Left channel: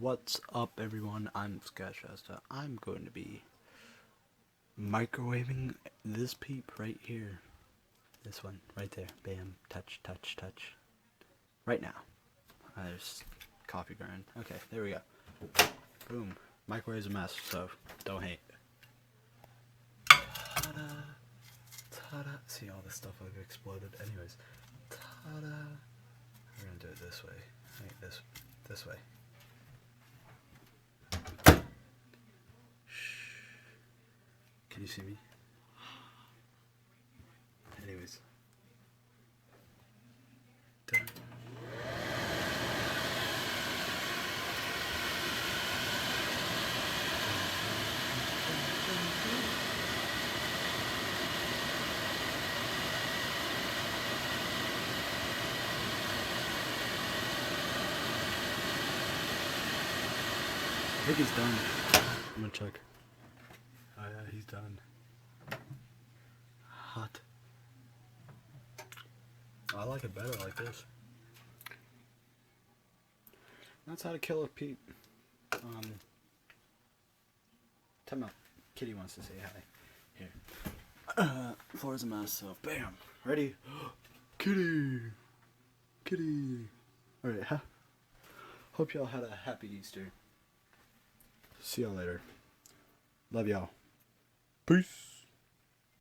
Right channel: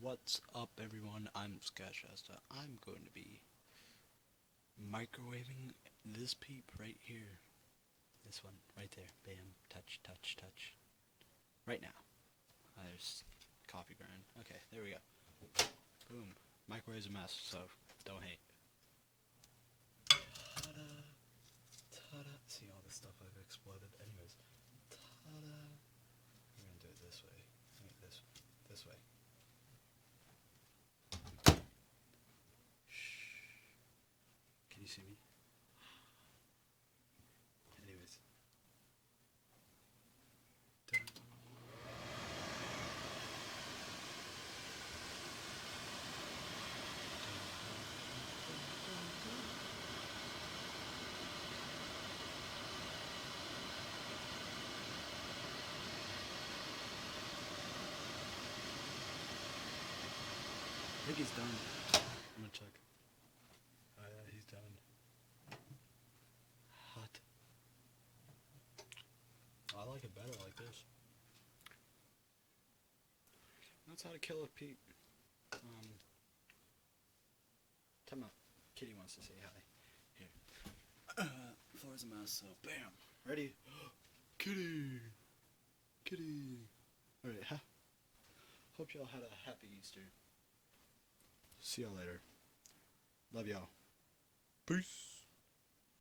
What's up, everyone? I'm Sketchasta. I'm going to be microwaving this peep right here. This one, right there. Bam. Touch, touch, touch. Right now. There's coffee burn. Okay, there we go. Boom. Microwave's a mess, so don't hate. Ta-da. Ta-da. See, all this stuff I've exploded. Anyways. Ta-da. We're gonna do it this way. Right, this way. Can you see me? Anyways. Dun. I think he's done. I'm gonna check. Oh yeah, he's done. Hot. I like it better like this. That's how to kill a peep. Time out. Kitty wants to say hi. Here. Floor's a mess, so bam. Ready? Kitty! Kitty! Alright, hope y'all had a happy Easter. See y'all later. Love y'all. Peace!